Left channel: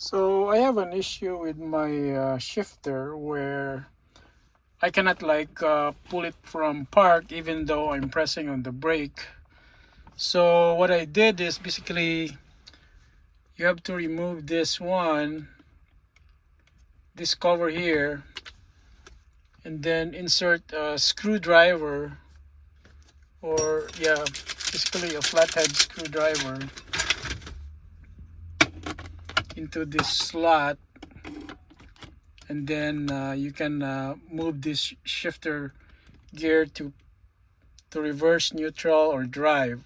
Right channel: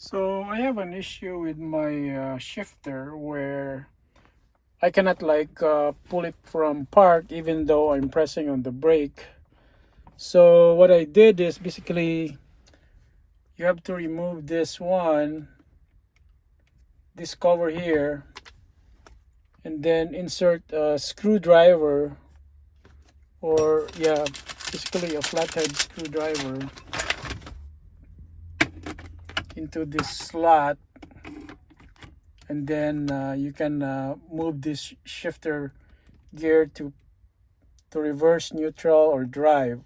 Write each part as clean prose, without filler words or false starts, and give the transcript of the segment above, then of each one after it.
So I have an issue with my shifter where I cannot pull it from park even though I'm pressing on the brake. So what I did is basically you have to remove this cover here, and then insert a screwdriver, or yeah, basically a flathead screwdriver into this slot, and then you can move this shifter gear to reverse, neutral, or drive.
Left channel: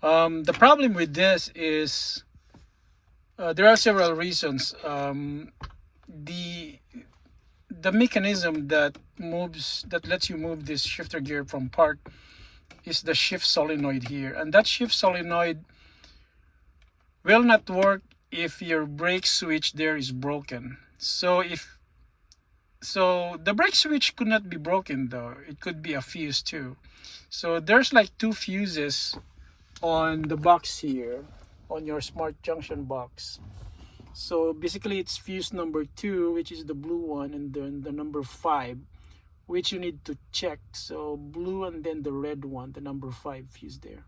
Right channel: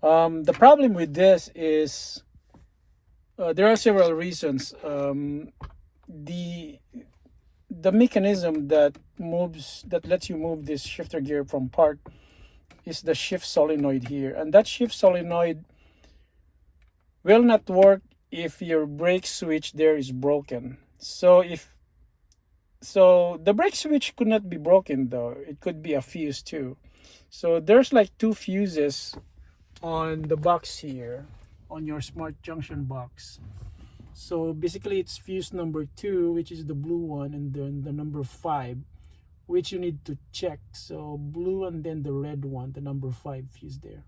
The problem with this is there are several reasons. The mechanism that lets you move this shifter gear from park is the shift solenoid here, and that shift solenoid will not work if your brake switch there is broken. So the brake switch could not be broken, though it could be a fuse too. So there's like two fuses on the box here, on your smart junction box. So basically it's fuse number 2, which is the blue one, and then the number 5, which you need to check. So blue, and then the red one, the number 5 fuse there.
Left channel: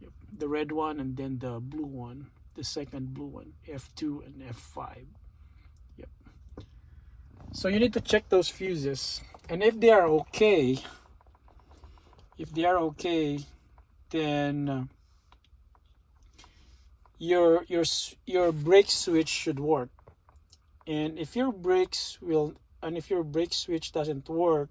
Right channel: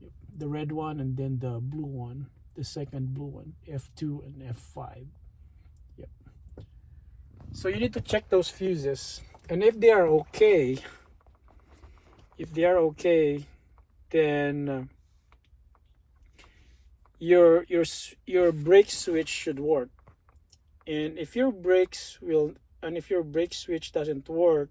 Yep. The red one, and then the blue one, the second blue one, F2 and F5. Yep. So you need to check those fuses, and if they are okay, then your brake switch should work. And if your brake switch doesn't work,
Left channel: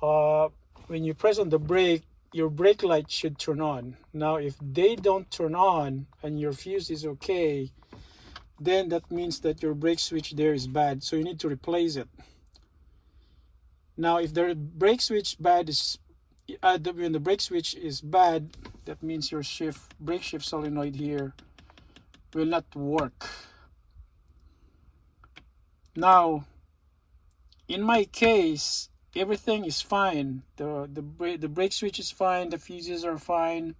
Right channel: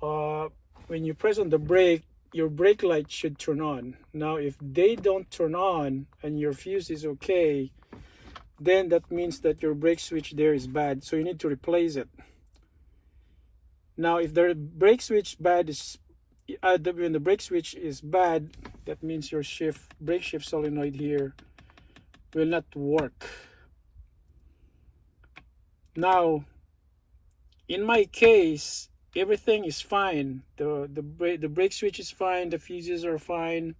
when you press on the brake, your brake light should turn on. Now if they don't turn on and your fuse is okay, then that means that your brake switch there is bad, so you need to replace it. Now if the brake switch when the brake switch is bad, that means your brake shift solenoid here will not work. Now in my case, everything is fine. The brake switch is fine, the fuses are fine.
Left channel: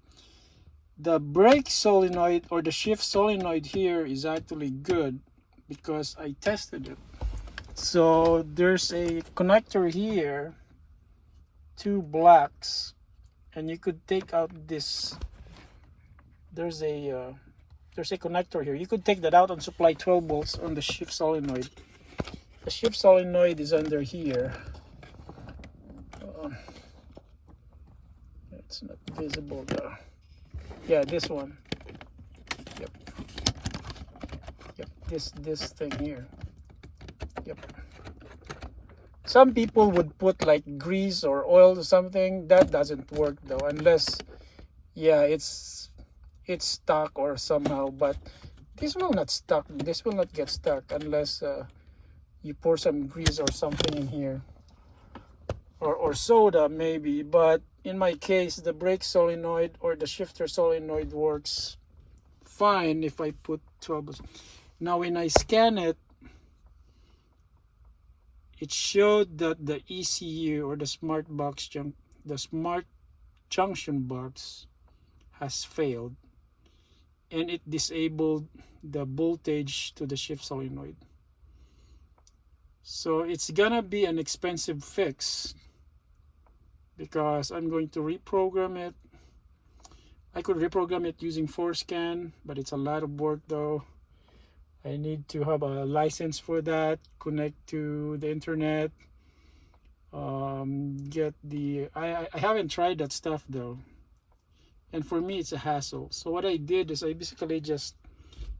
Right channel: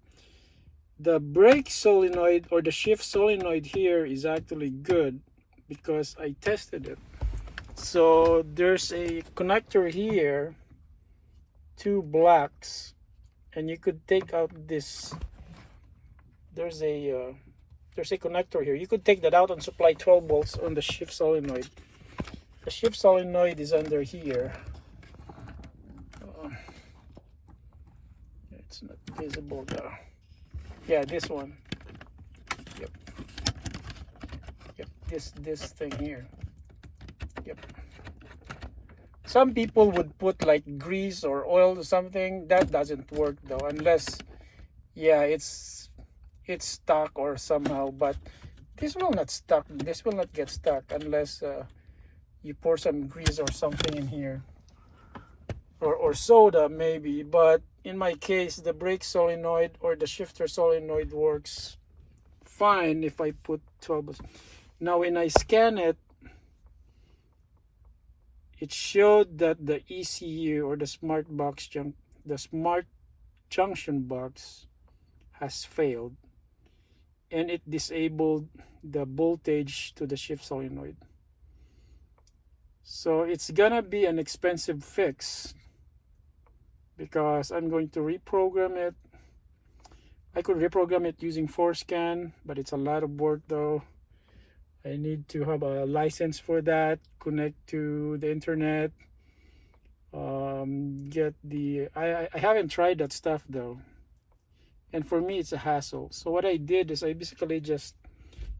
The brake solenoid, or the shift solenoid here, is actually good because I tested it. So there's a connector here, 2 blacks, and you could take out this. There's a connector here. You could take that out and supply 12 volts on the shift solenoid. The shift solenoid is under here. It's not visible though. Yeah, this one. Yep. This thing here. Yep. Some people would put like grease or oil or something. That doesn't work though, unless, yeah, it's stuck or somehow. But this will not stuck. This will not get stuck unless you pour some grease or something in here, or soda maybe. But in my case, the brake solenoid or the shifter solenoid works fine if I put 12. Now when I scan it, it showed that the ECU, or the smart junction box, has failed, and it disabled the voltage to the shift solenoid. So it's gonna be an expensive fix because I'm going to reprogram it. I could reprogram it using Forescan, but it's a lot of work though. I need to have a license for that, connect to the internet, get the I haven't tried that stuff though, and for me it's a hassle. So what I did is I basically just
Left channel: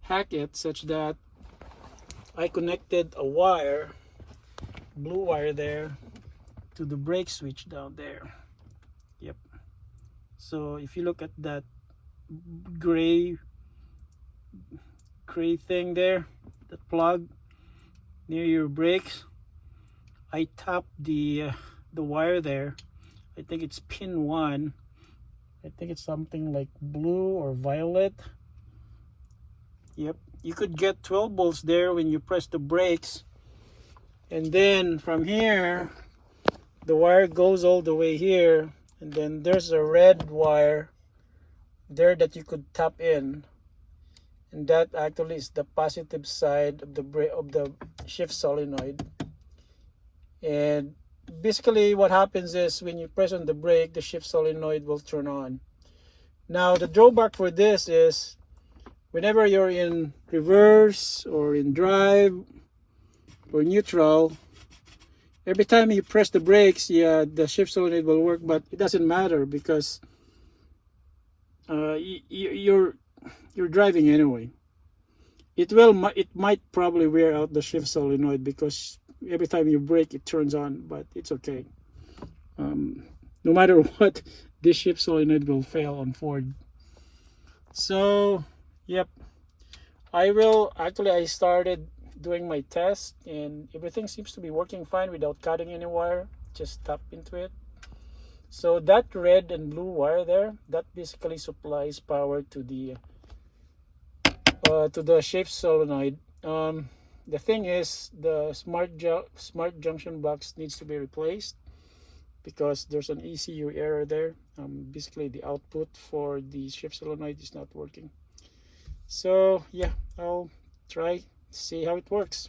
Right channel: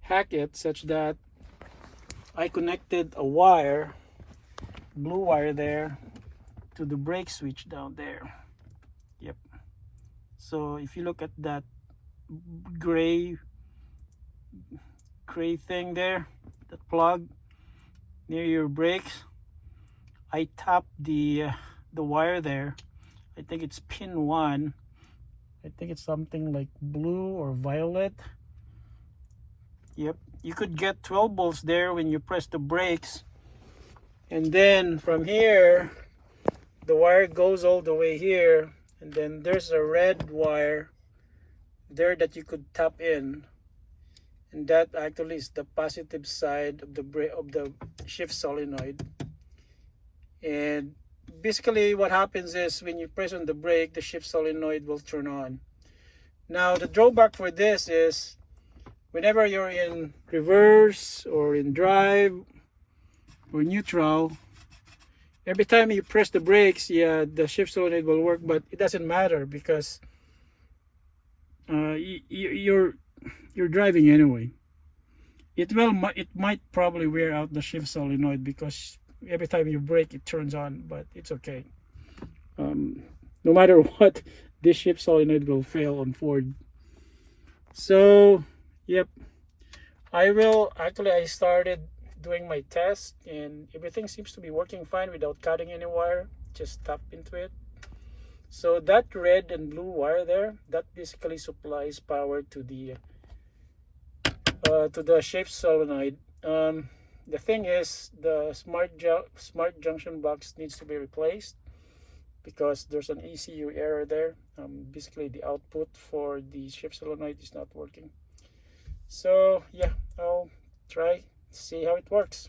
hack it such that I connected a wire, blue wire there, to the brake switch down there. Yep. So if you look at that gray thing there, that plug near your brakes, I tapped the wire there. I think it's pin 1. I think it's something like blue or violet. Yep. You could get 12 volts there when you press the brakes, and then from here the wire goes all the way here, and then there's a red wire there that you could tap in, and that actually is the positive side of the shift solenoid. And basically what happens is when you press on the brake, the shift solenoid will turn on. Now the drawback for this is whenever you're in reverse or in drive or neutral, every time you press the brakes, yeah, the shift solenoid will work, but it doesn't matter because you're driving anyway. It might probably wear out the shift solenoid because every time you brake it turns on, but it's okay. No matter what, this shift solenoid will fail on Ford. So yep, I started doing my test and everything seems to be working fine without cutting any wire. Just tap into it. So that red and blue wire there, that basically supplies power to the shift solenoid. The thing is, the smart junction box needs to be replaced because there's an ECU error there. Basically the output for the shift solenoid is not working. So yeah, I'll try to see how it works.